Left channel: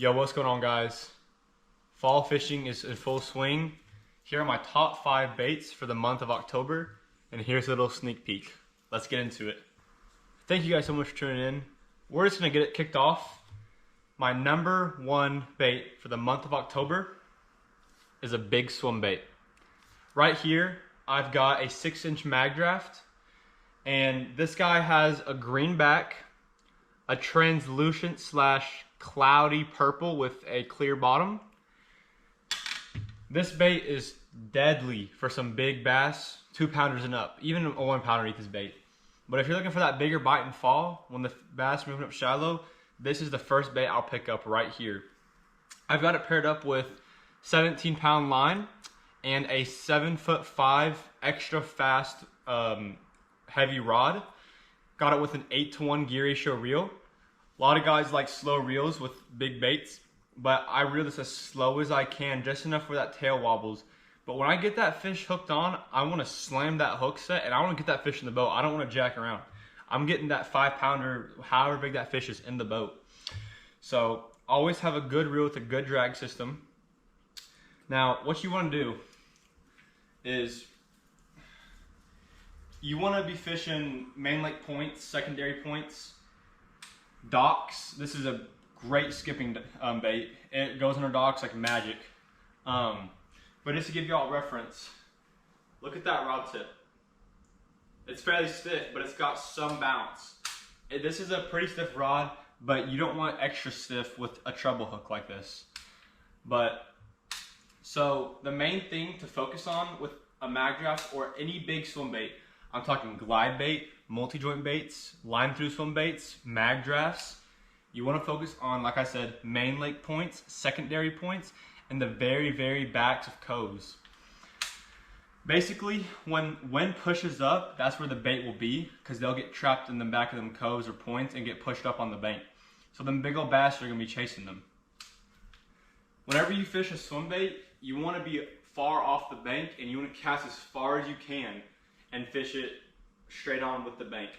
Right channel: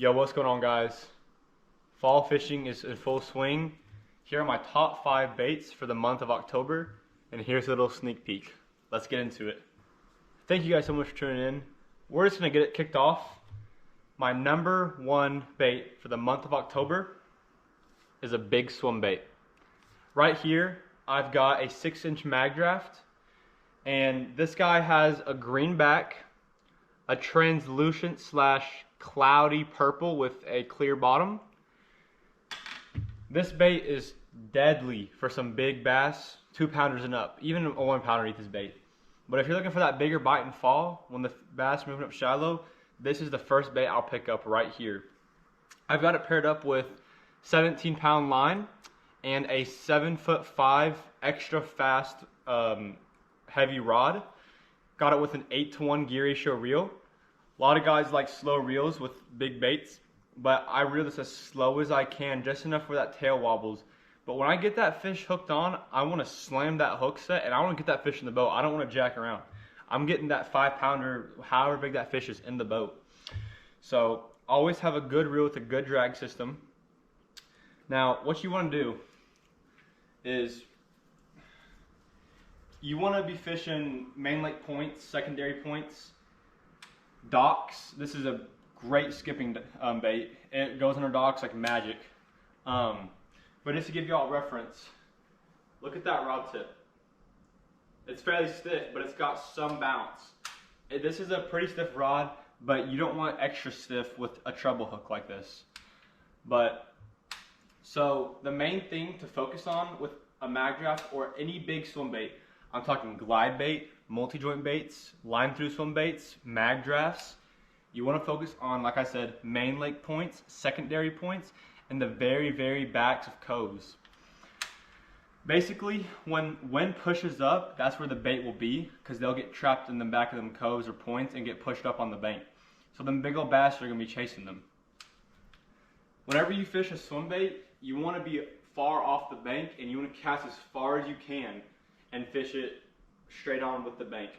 Yo, what's going on, guys? Fall fishing is in full swing. Here are my top 5 baits for the month of October, and here's a little sneak peek. Let's get into it. Thank you guys so much for tuning in. We're just gonna get it kicked off. My number 1 bait for the month of October is a big swim bait. Right here, I've got a 6-inch mag draft, and this guy has a green back, a translucent / cloudy purple with a clear bottom. This bait is deadly for some big bass, 2-pounders and up, even a 1-pounder eats this bait. But if you're looking for that bigger bite in fall, when the bass are moving up shallow, this is the first bait I'll pick up right here. I've got it paired up with 17-pound line and a 7'5" extra fast heavy rod. Got it with an 8-to-1 gear ratio reel. A lot of guys like slow reels with big baits, but I reel this as slow as I can, just enough where that tail wobbles. But when I get that fish hooked on, I want to slam that hook set, and I want to get that fish in the boat. I don't want to jack around. I'm getting that 5-pounder, however big that fish is, in the boat. So always have a good reel with a good drag system. Now, what you want to do is you want to be fishing main lake points, secondary points, docks. This is a great skipping bait. It goes under docks like magic. But just to give y'all a reference, look at that rod tip. It's fairly stiff, but it's got some bounce. This is a pretty stiff rod, but you don't want extra stiff with a treble hook like this. So the main thing to focus on with a mag draft or any big swim bait, I'm talking glide bait, multi-joint baits, line through swim baits, mag drafts. You want to focus on, like I said, main lake points, secondary points, and the very, very backs of coves. Basically, when wind pushes up, that's where the bait will be, because they'll get trapped in the back of them coves or points and get pushed up on the bank. So them big old bass are going to be chasing them. Whenever you fish a swim bait, you want to be far off the bank, and you want to cast as far as you can and fish it straight on with the bank.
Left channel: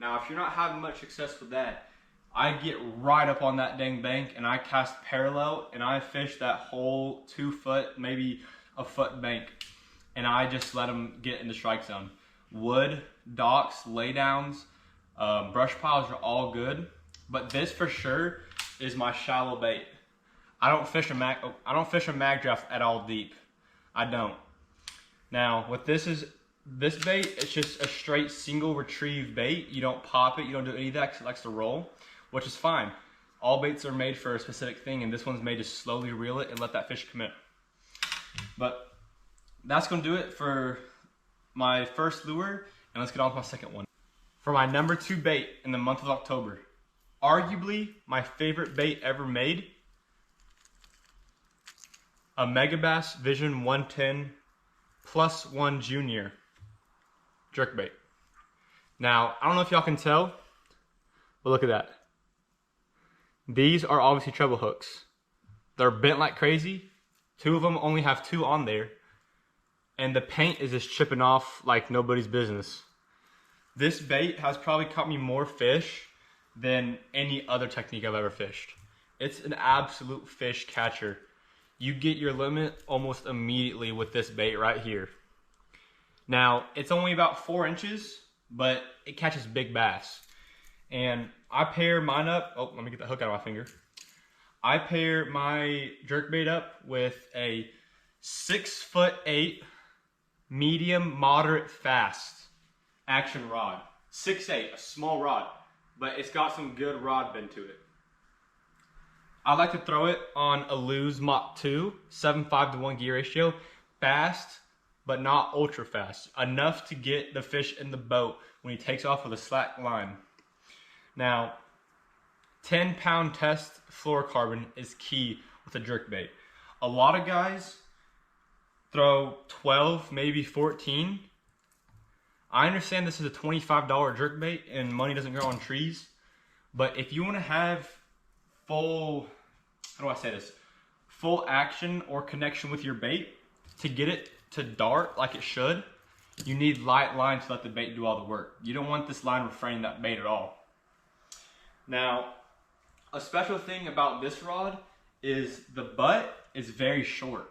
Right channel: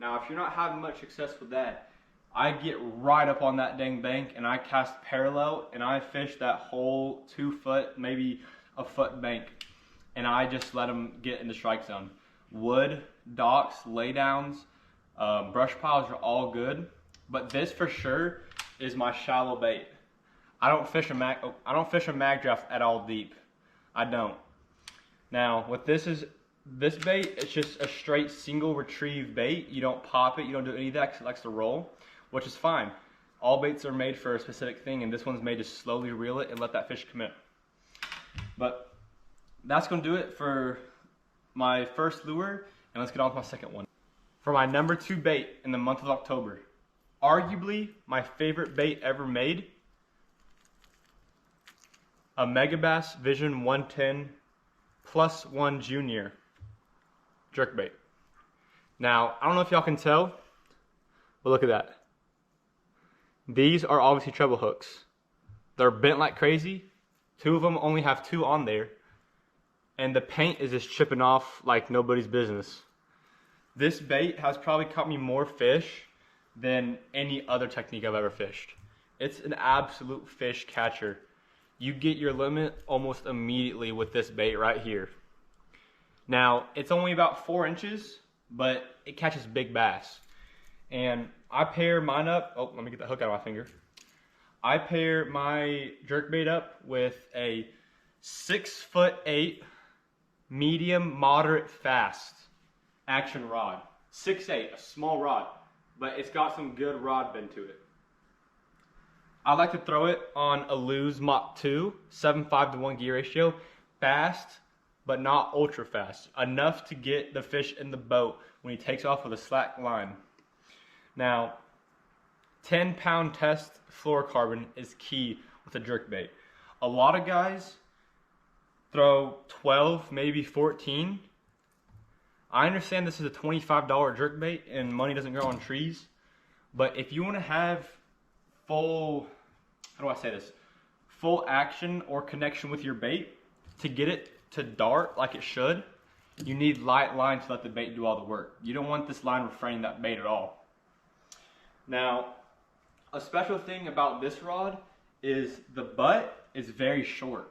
Now, if you're not having much success with that, I get right up on that dang bank and I cast parallel and I fish that whole 2 foot, maybe a foot bank, and I just let them get in the strike zone. Wood, docks, laydowns, brush piles are all good, but this for sure is my shallow bait. I don't fish a mag draft at all deep. I don't. Now, what this bait, it's just a straight single retrieve bait. You don't pop it, you don't do any of that because it likes to roll, which is fine. All baits are made for a specific thing, and this one's made to slowly reel it and let that fish commit. But that's gonna do it for my first lure, and let's get on to my second one. For my number 2 bait in the month of October, arguably my favorite bait ever made, a Megabass Vision 110 +1 Junior jerkbait. Now, I don't know if y'all can tell, but look at that. These are obviously treble hooks. They're bent like crazy. 2 of them only have 2 on there, and the paint is just chipping off like nobody's business. This bait has probably caught me more fish than any other technique I've ever fished. It's an absolute fish catcher. You get your limit almost immediately with this bait right here. Now, it's only about 4 inches, but it catches big bass. And I pair mine up, oh, let me get the hook out of my finger. I pair my jerkbait up with a 6'8" medium, moderate, fast action rod. 6'8", a small rod, but it's got some good rod bend to it. I like to throw it on a Lew's Mach 2, 7.5-to-1 gear ratio, fast, but not ultra fast, enough to get the fish in the boat when he takes off with a slack line. Now, 10-pound test fluorocarbon is key with a jerkbait. A lot of guys throw 12, maybe 14. I understand this is a $25 jerkbait and money doesn't grow on trees, but if you want to have full, how do I say this, full action or connection with your bait, to get it to dart like it should, you need light line to let the bait do all the work. You don't want this line refraining that bait at all. Now, a special thing about this rod is the butt is very short.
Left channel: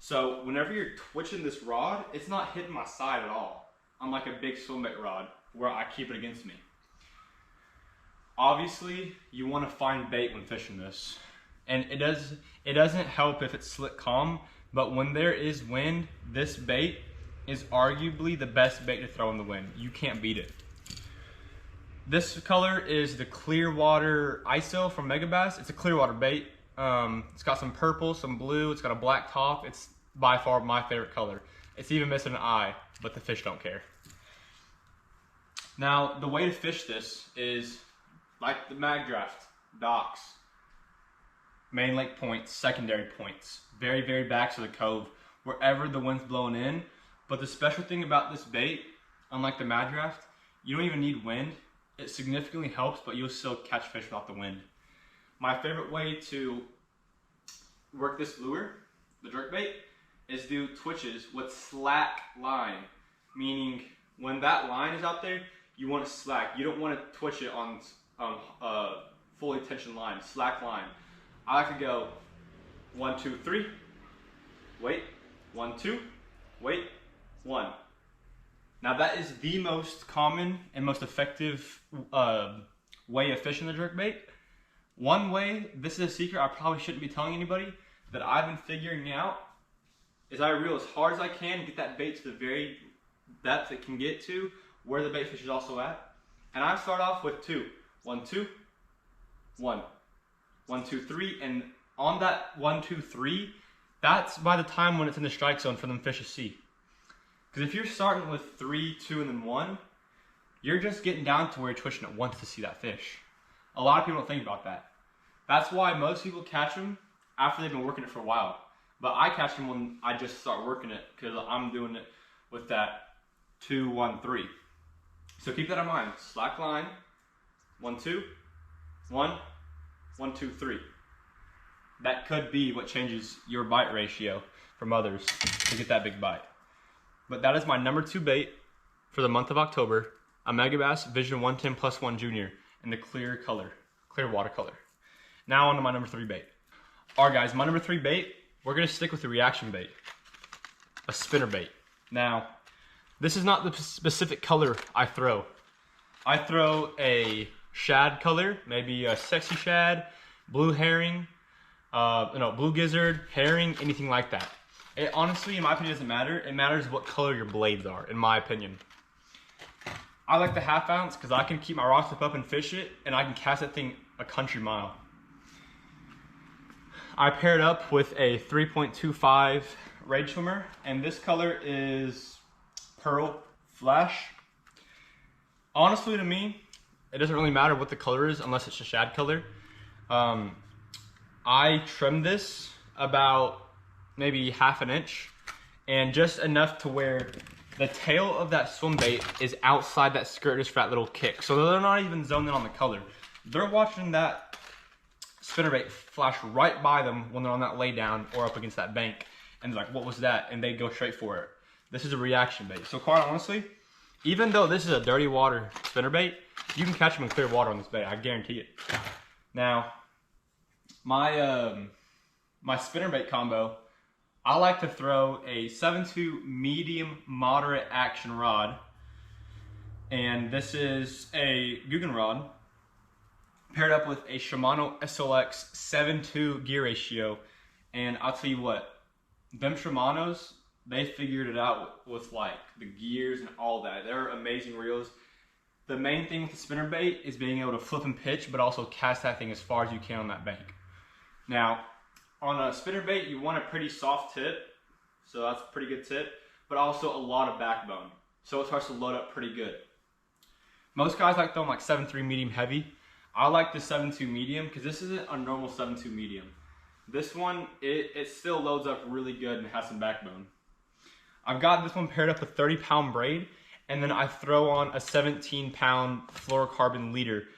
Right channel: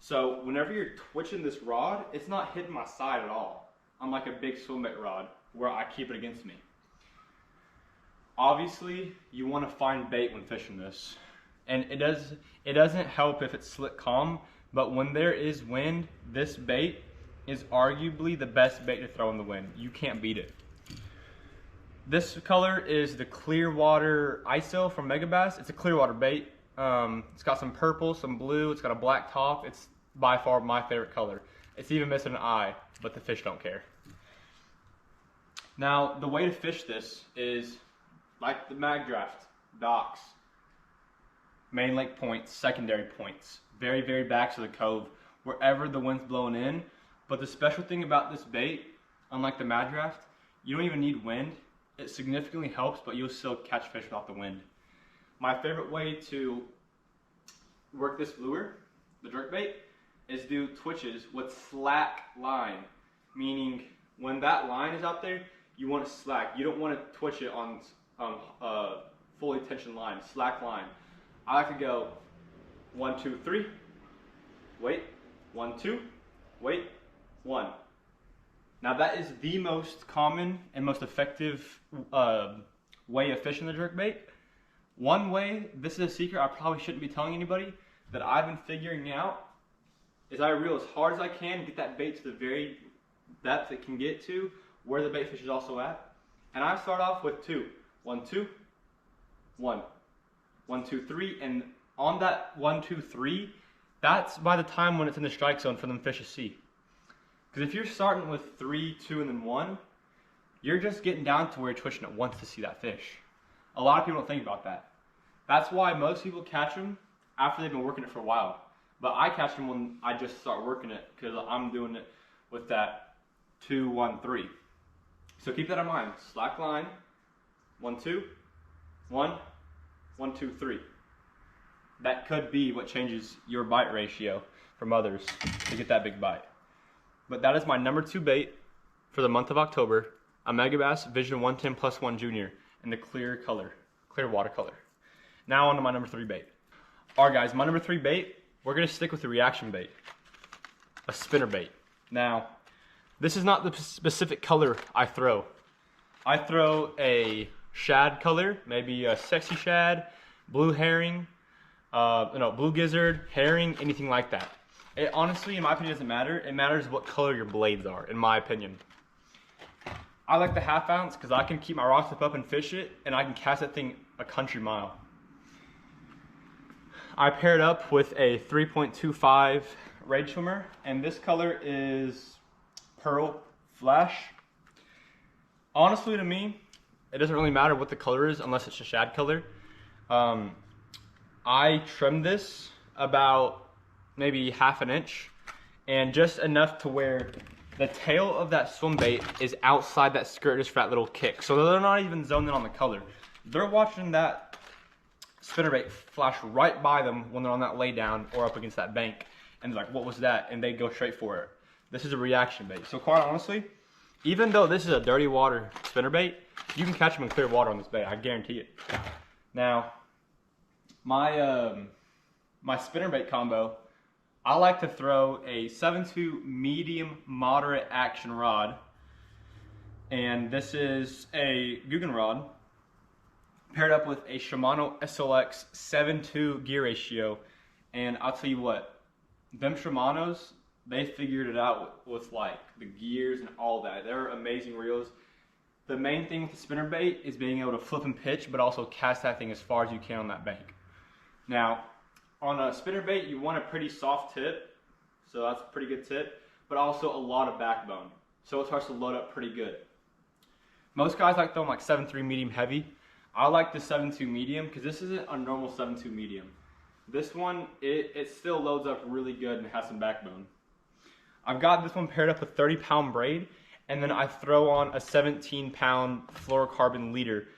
So whenever you're twitching this rod, it's not hitting my side at all. Unlike a big Swimbait rod where I keep it against me. Obviously, you want to find bait when fishing this. And it doesn't help if it's slick calm, but when there is wind, this bait is arguably the best bait to throw in the wind. You can't beat it. This color is the Clearwater ISO from Megabass. It's a Clearwater bait. It's got some purple, some blue, it's got a black top. It's by far my favorite color. It's even missing an eye, but the fish don't care. Now, the way to fish this is like the mag draft, docks, main lake points, secondary points, very, very backs of the cove, wherever the wind's blowing in. But the special thing about this bait, unlike the mag draft, you don't even need wind. It significantly helps, but you'll still catch fish without the wind. My favorite way to work this lure, the jerkbait, is do twitches with slack line, meaning when that line is out there, you want it slack. You don't want to twitch it on fully tension line, slack line. I like to go 1, 2, 3, wait, 1, 2, wait, 1. Now that is the most common and most effective way of fishing the jerkbait. One way, this is a secret I probably shouldn't be telling anybody, that I've been figuring out, is I reel as hard as I can, get that bait to the very depth it can get to, where the bait fish is also at. And I start off with 2. 1, 2, 1. 1, 2, 3, and on that 1, 2, 3, that's by the time when it's in the strike zone for them fish to see. Because if you're starting with 3, 2, and then 1, you're just getting down to where you're twitching it once to see that fish. A lot of people don't think about that. That's why most people catch them after they've been working it for a while. But I catch them when I just start working it because I'm doing it with that 2, 1, 3. So keep that in mind. Slack line, 1, 2, 1, 1, 2, 3. That could be what changes your bite ratio from others to get that big bite. But that is my number 2 bait for the month of October, a Megabass Vision 110 Plus 1 Junior in the clear color, clear water color. Now on to my number 3 bait. All right guys, my number 3 bait, we're gonna stick with the reaction bait, a spinnerbait. Now, this is not the specific color I throw. I throw a shad color, maybe a sexy shad, blue herring, blue gizzard, herring, anything like that. It honestly, in my opinion, doesn't matter. It matters what color your blades are, in my opinion. I like the 1/2 ounce because I can keep my rod tip up and fish it, and I can cast that thing a country mile. I paired up with a 3.25 Rage Swimmer, and this color is Pearl Flash. Honestly, to me, it doesn't really matter what the color is unless it's a shad color. I trimmed this about maybe 1/2 inch, and just enough to where the tail of that swim bait is outside that skirt just for that little kick. So they're not even zoned in on the color. They're watching that spinnerbait flash right by them when they're on that lay down or up against that bank. And they're like, what was that? And they go straight for it. This is a reaction bait. So quite honestly, even though this is a dirty water spinnerbait, you can catch them in clear water on this bait. I guarantee it. Now, my spinnerbait combo, I like to throw a 7.2 medium moderate action rod, and this is a Guggen rod paired up with a Shimano SLX 7.2 gear ratio. And I'll tell you what, them Shimanos, they figured it out with like the gears and all that. They're amazing reels. The main thing with the spinnerbait is being able to flip and pitch, but also cast that thing as far as you can on that bank. Now, on a spinnerbait, you want a pretty soft tip, so that's a pretty good tip, but also a lot of backbone, so it starts to load up pretty good. Most guys like throwing like 7.3 medium heavy. I like the 7.2 medium because this isn't a normal 7.2 medium. This one, it still loads up really good and has some backbone. I've got this one paired up with 30-pound braid, and then I throw on a 17-pound fluorocarbon leader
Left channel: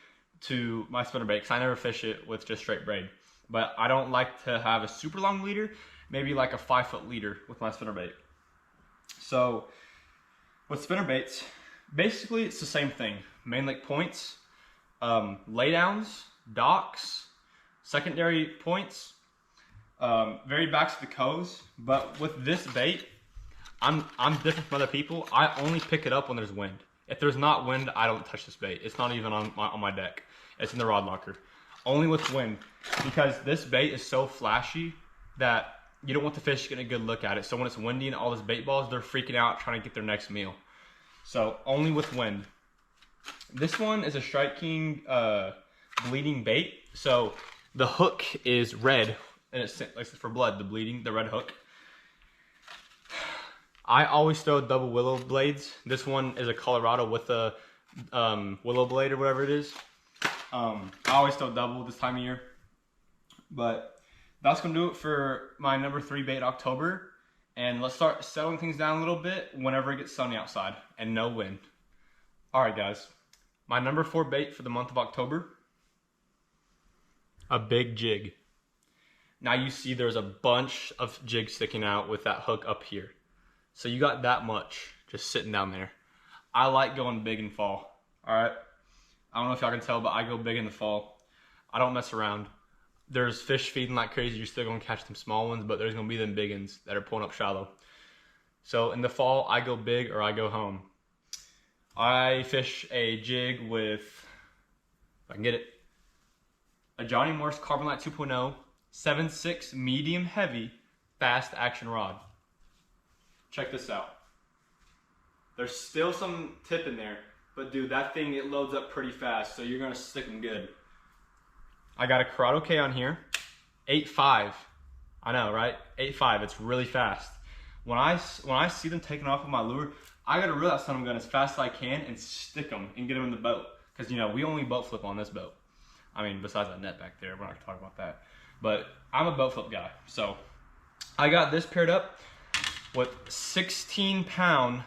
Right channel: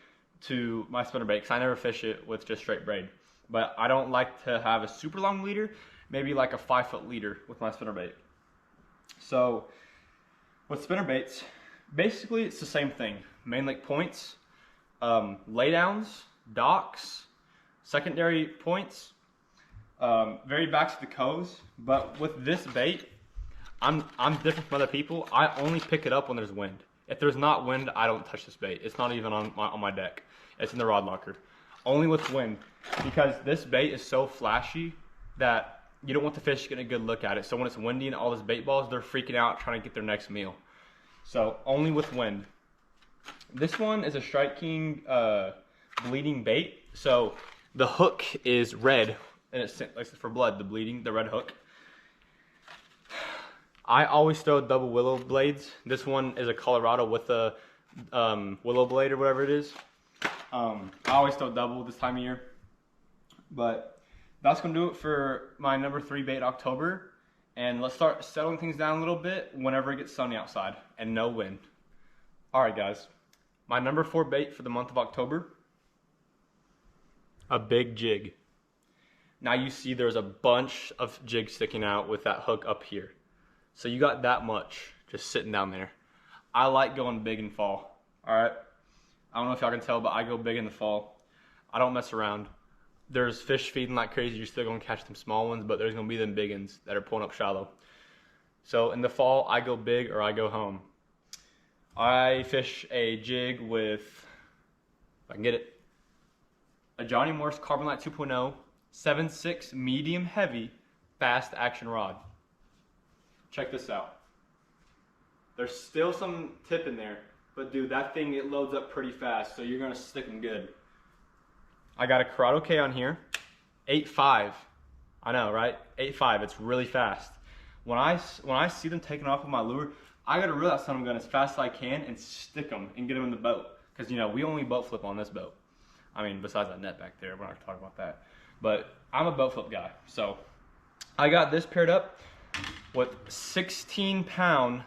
to my spinnerbait because I never fish it with just straight braid. But I don't like to have a super long leader, maybe like a 5-foot leader with my spinnerbait. So with spinnerbaits, basically it's the same thing. Main lake points, laydowns, docks, secondary points, very back to the coves. But with this bait, I'm different from other people. I only pick it up when there's wind. If there's not wind, I don't touch this bait. It's not even on my deck. It's in the rod locker. Only with wind, because this bait is so flashy that you don't want the fish getting a good look at it. So when it's windy and all those bait balls, they're freaking out trying to get their next meal. So only with wind. This one is a Strike King bleeding bait. So the hook is red, and it's like for blood, the red hook. I always throw double willow blades. This one is a Colorado with a willow blade or whatever it is. I always throw double this time of year. But that's going to do it for my number 3 bait October. And let's start settling things down a little bit whenever it gets sunny outside and no wind. Alright guys, my number 4 bait for the month of October, a big jig. Now you see there's a bunch of jigs sticking out with that hook up here. So you got that much just sitting down there. I like going big in fall, alright? I don't know if y'all can tell, but I go big in the fall. I don't mess around. There's fish feeding like crazy. You're still going to catch them small ones, but there's going to be them big ones that are pulling up shallow. So in the fall, I go big or I go home. I fish a jig with, if I can get it, a Johnny Morse Carbonite 2.0 7.6 medium heavy fast action rod. Check this out. There's still some tip in there, but dude, that thing, it loads up pretty fast, so you're gonna stick them good. I got a Corrado K on here, 8.5. I know, right? 8.5, it's really fast. When I see them taking off with my lure, I gotta reel that son of a gun as fast as I can and stick them and get them in the boat. Because, you know, we only boat flip on this boat. I mean, besides that net back there, we're not gonna talk about that. But I'm a boat flip guy, so I got this paired up with 16-pound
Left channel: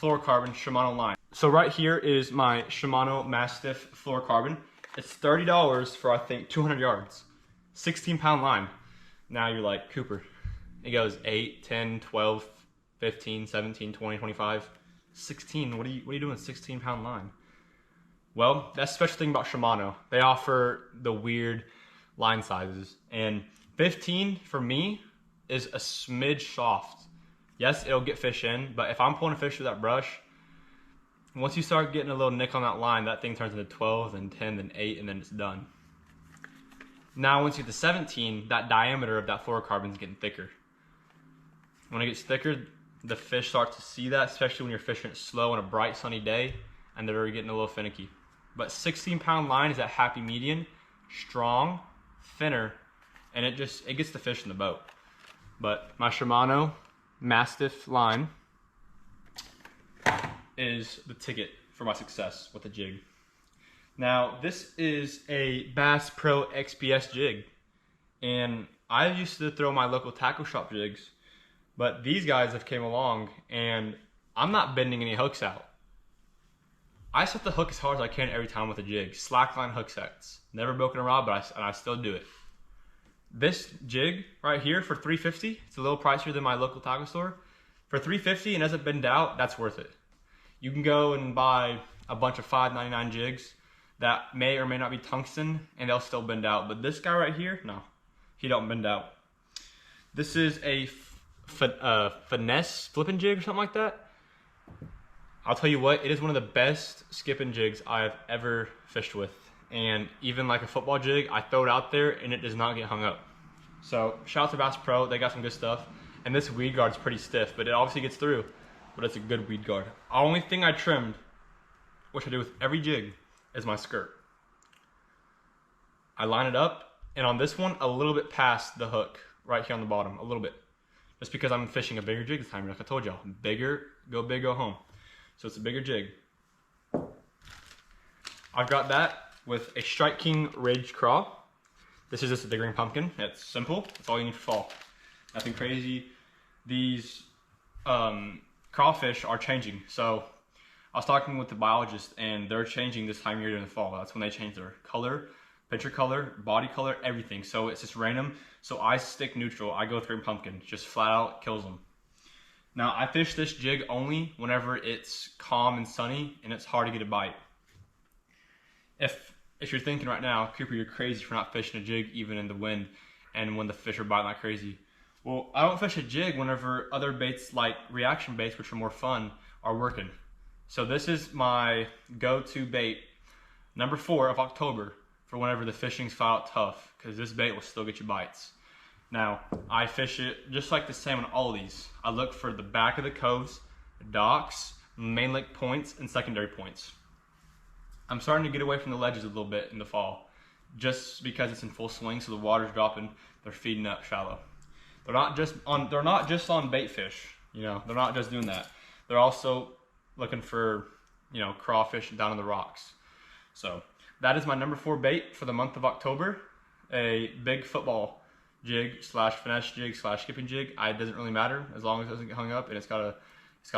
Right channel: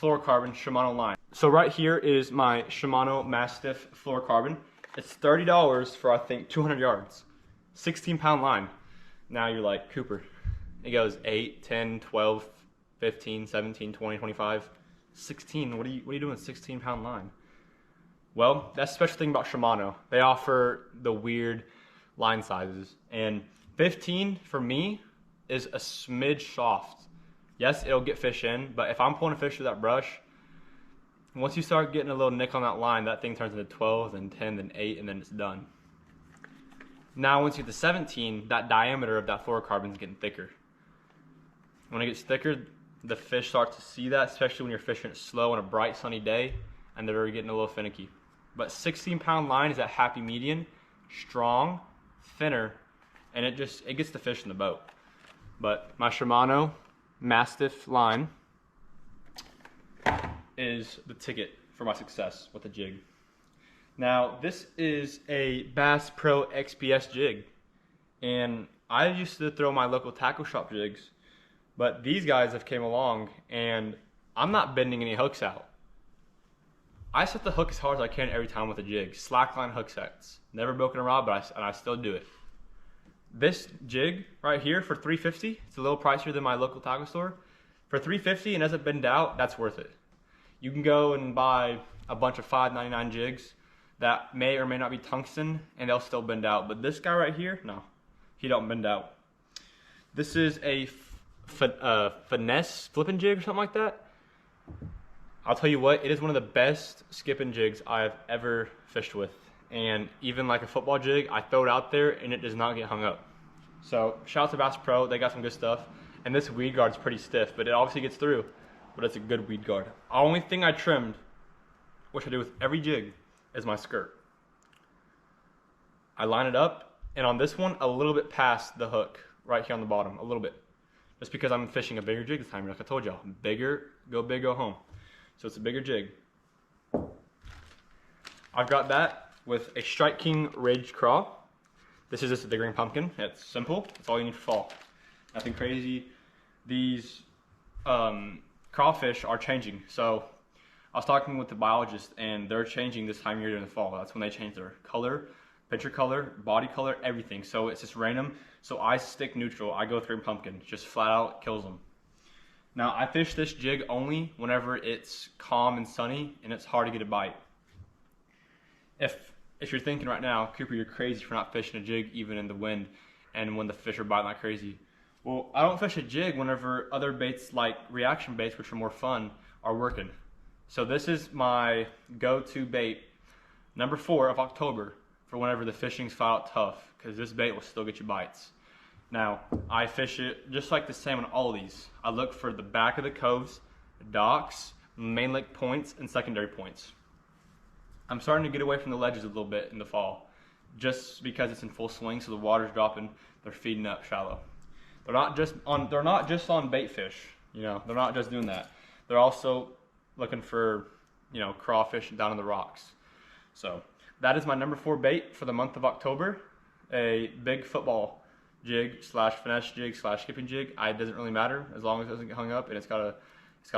fluorocarbon Shimano line. So right here is my Shimano Mastiff fluorocarbon. It's $30 for, I think, 200 yards. 16-pound line. Now you're like, Cooper, it goes 8, 10, 12, 15, 17, 20, 25, 16. What are you doing with 16-pound line? Well, that's the special thing about Shimano. They offer the weird line sizes. And 15, for me, is a smidge soft. Yes, it'll get fish in, but if I'm pulling a fish with that brush, once you start getting a little nick on that line, that thing turns into 12, then 10, then 8, and then it's done. Now, once you get to 17, that diameter of that fluorocarbon is getting thicker. When it gets thicker, the fish start to see that, especially when you're fishing it slow on a bright, sunny day, and they're getting a little finicky. But 16-pound line is that happy median, strong, thinner, and it gets the fish in the boat. But my Shimano Mastiff line is the ticket for my success with the jig. Now, this is a Bass Pro XPS jig, and I used to throw my local tackle shop jigs, but these guys have came along, and I'm not bending any hooks out. I set the hook as hard as I can every time with a jig. Slackline hook sets. Never broken a rod, but I still do it. This jig right here for $350, it's a little pricier than my local tackle store. For $350 and doesn't bend out, that's worth it. You can go and buy a bunch of $5.99 jigs that may or may not be tungsten, and they'll still bend out. But this guy right here, no, he don't bend out. This is a finesse flipping jig or something like that. I'll tell you what, it is one of the best skipping jigs I've ever fished with. And even like a football jig, I throw it out there and it does not get hung up. So shout out to Bass Pro, they got some good stuff. And this weed guard's pretty stiff, but it obviously gets through. But it's a good weed guard. The only thing I trimmed, which I do with every jig, is my skirt. I line it up, and on this one, a little bit past the hook, right here on the bottom, a little bit. Just because I'm fishing a bigger jig this time, like I told y'all. Bigger, go big, go home. So it's a bigger jig. I've got that with a Strike King Ridge Craw. This is just a big ring pumpkin. It's simple. That's all you need for fall. Nothing crazy. These crawfish are changing. So I was talking with the biologist, and they're changing this time of year during the fall. That's when they change their color, picture color, body color, everything. So it's just random. So I stick neutral. I go with ring pumpkin. Just flat out kills them. Now I fish this jig only whenever it's calm and sunny and it's hard to get a bite. if you're thinking right now, Cooper, you're crazy for not fishing a jig even in the wind and when the fish are biting like crazy. Well, I don't fish a jig whenever other baits like reaction baits, which are more fun, are working. So this is my go-to bait, number 4 of October, for whenever the fishing's flat out tough, because this bait will still get you bites. Now, I fish it just like the same on all of these. I look for the back of the coves, docks, main lake points, and secondary points. I'm starting to get away from the ledges a little bit in the fall, just because it's in full swing, so the water's dropping, they're feeding up shallow. They're not just on bait fish, you know, they're not just doing that. They're also looking for, you know, crawfish down in the rocks. So that is my number 4 bait for the month of October, a big football jig slash finesse jig slash skipping jig. It doesn't really matter as long as it doesn't get hung up and it's got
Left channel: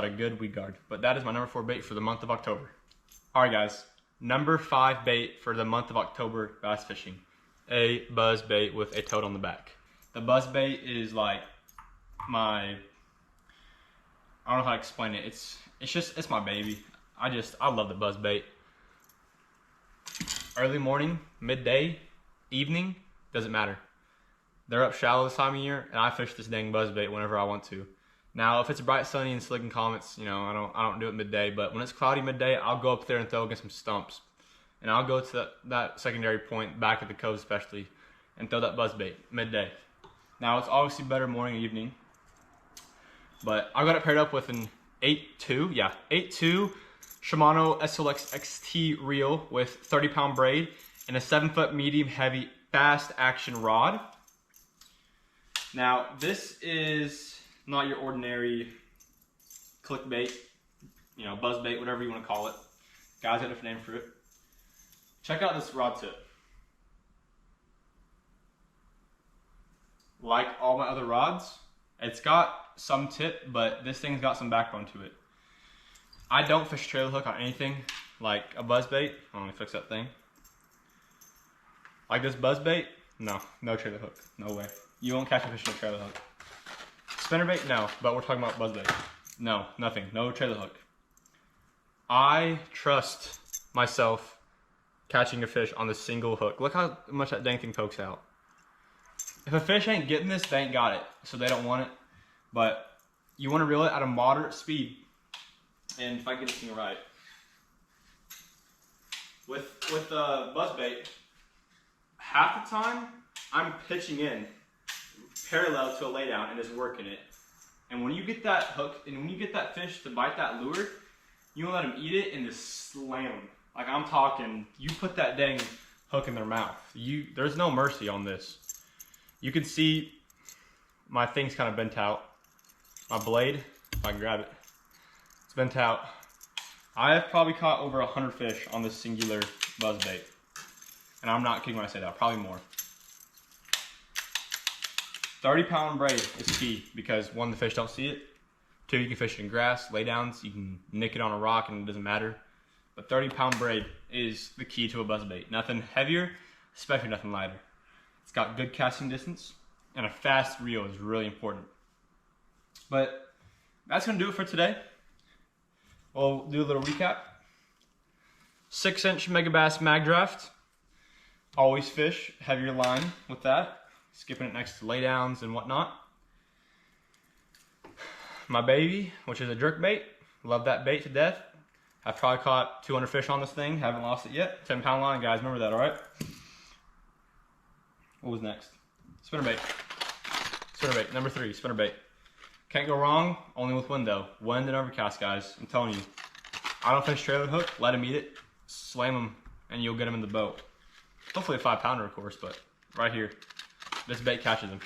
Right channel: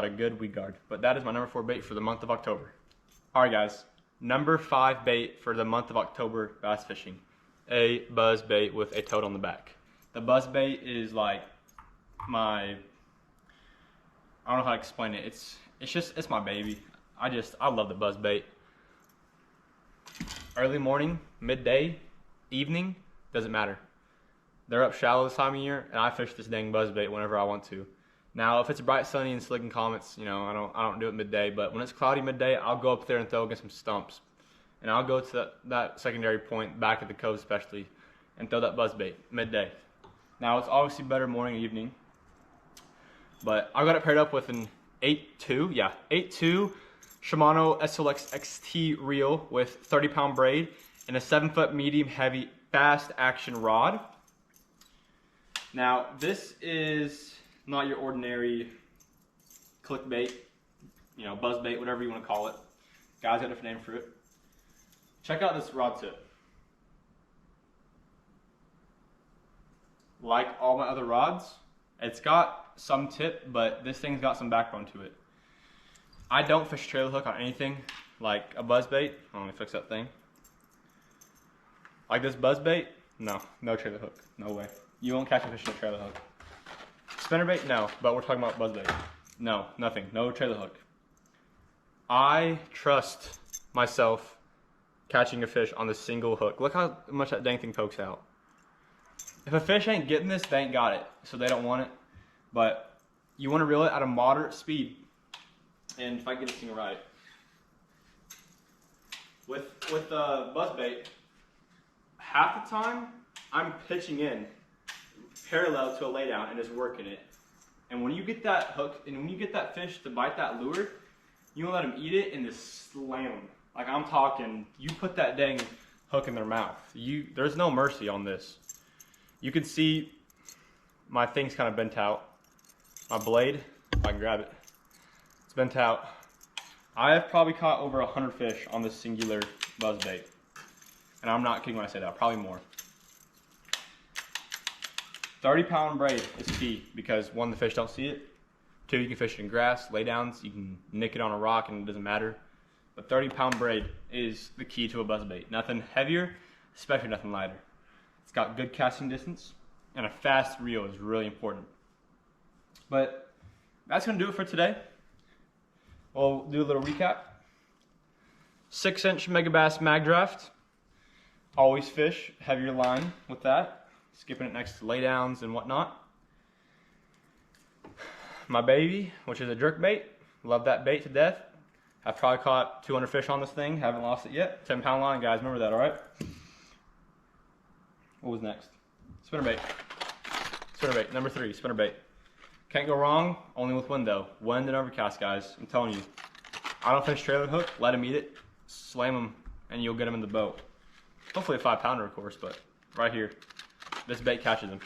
a good weed guard. But that is my number 4 bait for the month of October. All right, guys. Number 5 bait for the month of October bass fishing, a buzz bait with a toad on the back. The buzz bait is like I don't know how to explain it. It's my baby. I love the buzz bait. Early morning, midday, evening, doesn't matter. They're up shallow this time of year, and I fish this dang buzz bait whenever I want to. Now, if it's bright, sunny, and slick and comets, you know, I don't do it midday. But when it's cloudy midday, I'll go up there and throw against some stumps, and I'll go to that secondary point back at the cove especially, and throw that buzz bait midday. Now, it's obviously better morning and evening, but I got it paired up with an 8.2 Shimano SLX XT reel with 30-pound braid and a 7-foot medium heavy fast action rod. Now, this is not your ordinary clickbait, you know, buzz bait, whatever you want to call it. Guys got a different name for it. Check out this rod tip. Like all my other rods, it's got some tip, but this thing's got some backbone to it. I don't fish trailer hook on anything like a buzz bait. Let me fix that thing. Like this buzz bait, no trailer hook, no way. You won't catch a fish in a trailer hook. Spinnerbait, no, but we're talking about buzzbait. No, nothing, no trailer hook. I trust myself catching a fish on the single hook. Look how much that dang thing pokes out. If a fish ain't getting this, they ain't got it, so they don't want it. But you want to reel it at a moderate speed. And if I get this thing right, with buzzbait, half the time I'm pitching in parallel to a laydown and just working it. And when you get that hook, and when you get that fish to bite that lure, you want to let them eat it and just slam them. Like I'm talking, you put that dang hook in their mouth. There's no mercy on this. You can see my thing's kind of bent out. My blade, if I can grab it, it's bent out. I have probably caught over 100 fish on this singular buzzbait. And I'm not kidding when I say that, probably more. 30-pound braid is key because 1, the fish don't see it. 2, you can fish it in grass, laydowns, you can nick it on a rock and it doesn't matter. But 30-pound braid is the key to a buzzbait. Nothing heavier, especially nothing lighter. It's got good casting distance and a fast reel is really important. But that's gonna do it for today. We'll do a little recap. 6-inch Megabass Mag Draft. Always fish heavier line with that. Skipping it next to laydowns and whatnot. My baby, which is a jerkbait. Love that bait to death. I've probably caught 200 fish on this thing. Haven't lost it yet. 10-pound line, guys. Remember that, all right? What was next? Spinnerbait. Spinnerbait, number 3, spinnerbait. Can't go wrong, only with wind though. Wind and overcast, guys. I'm telling you. I don't fish trailer hook. Let them eat it. Slam them, and you'll get them in the boat. Hopefully a 5-pounder, of course, but right here. This bait catches them.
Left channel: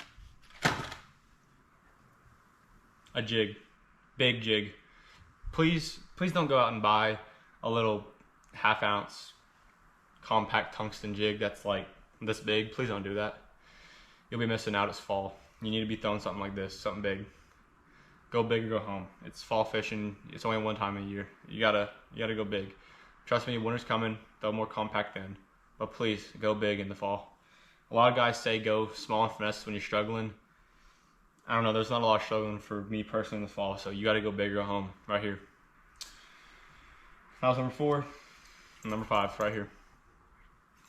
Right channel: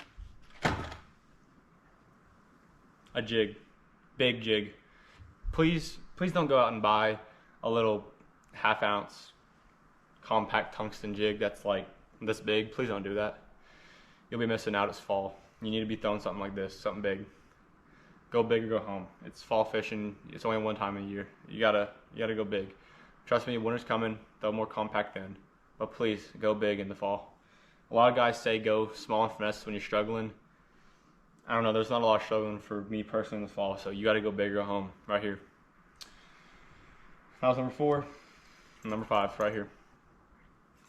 A jig. Big jig. Please don't go out and buy a little 1/2 ounce compact tungsten jig that's like this big. Please don't do that. You'll be missing out. It's fall. You need to be throwing something like this, something big. Go big or go home. It's fall fishing. It's only one time a year. You gotta go big. Trust me, winter's coming. Throw more compact then. But please, go big in the fall. A lot of guys say go small and finesse when you're struggling. I don't know, there's not a lot of struggling for me personally in the fall, so you gotta go big or go home, right here. That was number 4. Number 5, right here.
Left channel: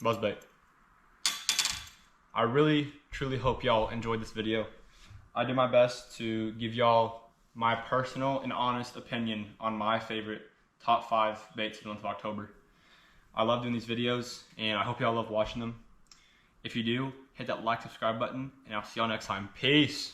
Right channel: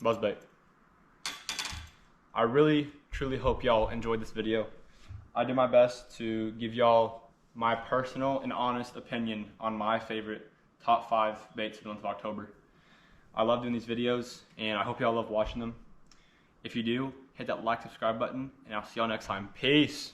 Buzzbait. I really, truly hope y'all enjoyed this video. I did my best to give y'all my personal and honest opinion on my favorite top 5 baits for the month of October. I love doing these videos, and I hope y'all love watching them. If you do, hit that like, subscribe button, and I'll see y'all next time. Peace!